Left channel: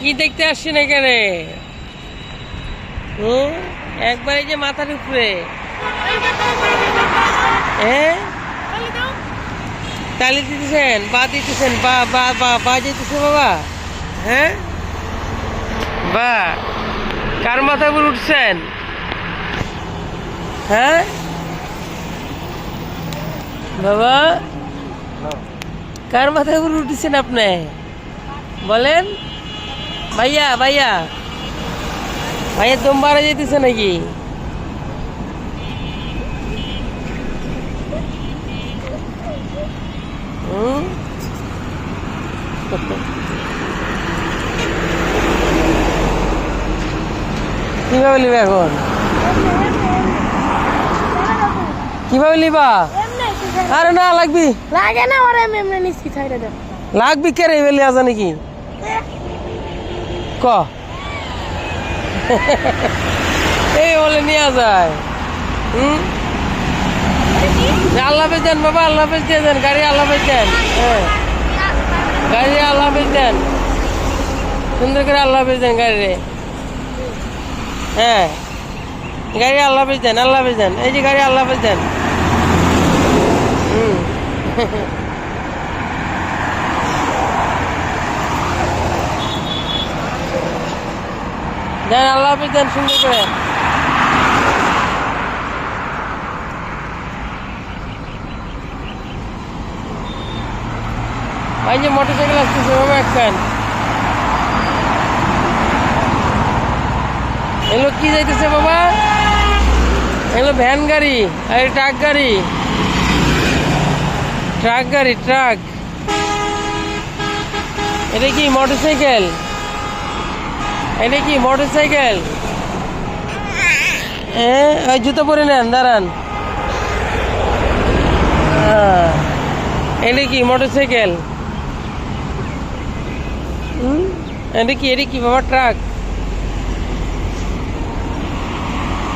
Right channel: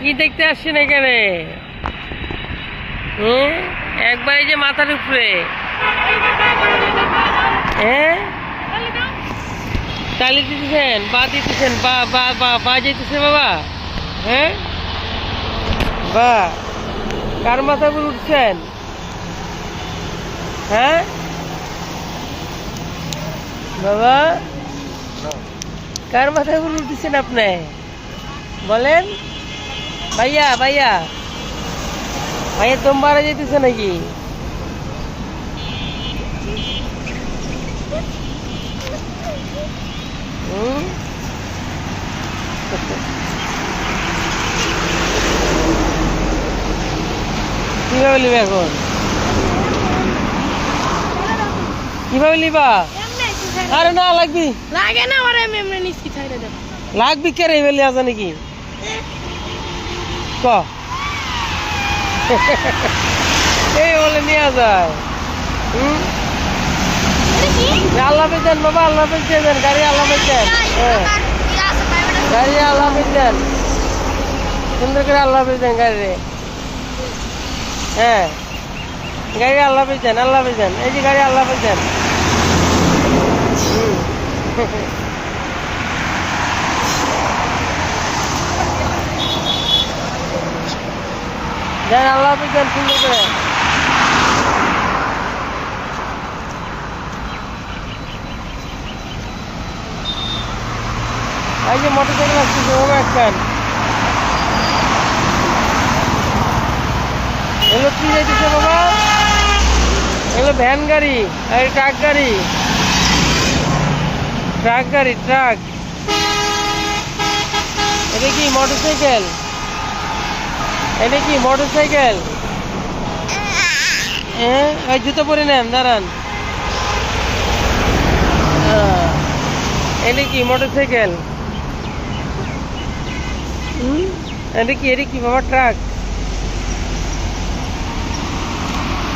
কি দেখতে আসছেন এখানে? একবার এই যে মাথার উপরে তালি দিতেছেন, বা দিতেছেন, বা বা বা বা যেতেছে বাবা। হ্যাঁ, বা কার মাথায় উপর উঠছেন? হ্যাঁ বাবা, কার মাথায় উপর উঠেছেন আপনি? বলেন ভাইয়া, ভাইয়া ভাইয়া দম মারা যেতেছে নাকি? কিভাবে নিবা এখন? কিভাবে নিবা? আরে না লাগবি, লাগে না ওরে আমি এমনি নিচ্ছি ছাইড়া দাও। লাগবি কে রে বেলি আছে নাকি? ক এই বলে নিয়ে যায়। আল্লাহ হাফেজ দেন বাবা, আল্লাহ হাফেজ দিয়ে দেন, গাড়ি আল্লাহ হাফেজ দেন। হ্যাঁ, গাড়ি আল্লাহ হাফেজ দেন, সুন্দর করে আল্লাহ হাফেজ দেন গাড়ি রে। হ্যাঁ, গাড়ি আল্লাহ হাফেজ দেন, আল্লাহ হাফেজ দেন, এই যে গাড়ি আল্লাহ হাফেজ দেন। দেন আল্লাহ হাফেজ দেন সুন্দর করে। এই যে মোটরসাইকেল আসতেছে বাবা, একখান এগুলো কি যাইতেছে বাবা? এগুলো ভ্যান গাড়ি আর ট্রাক গাড়ি, ট্রাক গাড়ি, ট্রাক। এটা কি মোটরসাইকেল? এটা কি মোটরসাইকেল? হ্যাঁ, ওই জুতো পরে নেন, দাঁড়ান। হ্যাঁ, এটা কি মোটরসাইকেল? এটা কি বাবা ট্রাক?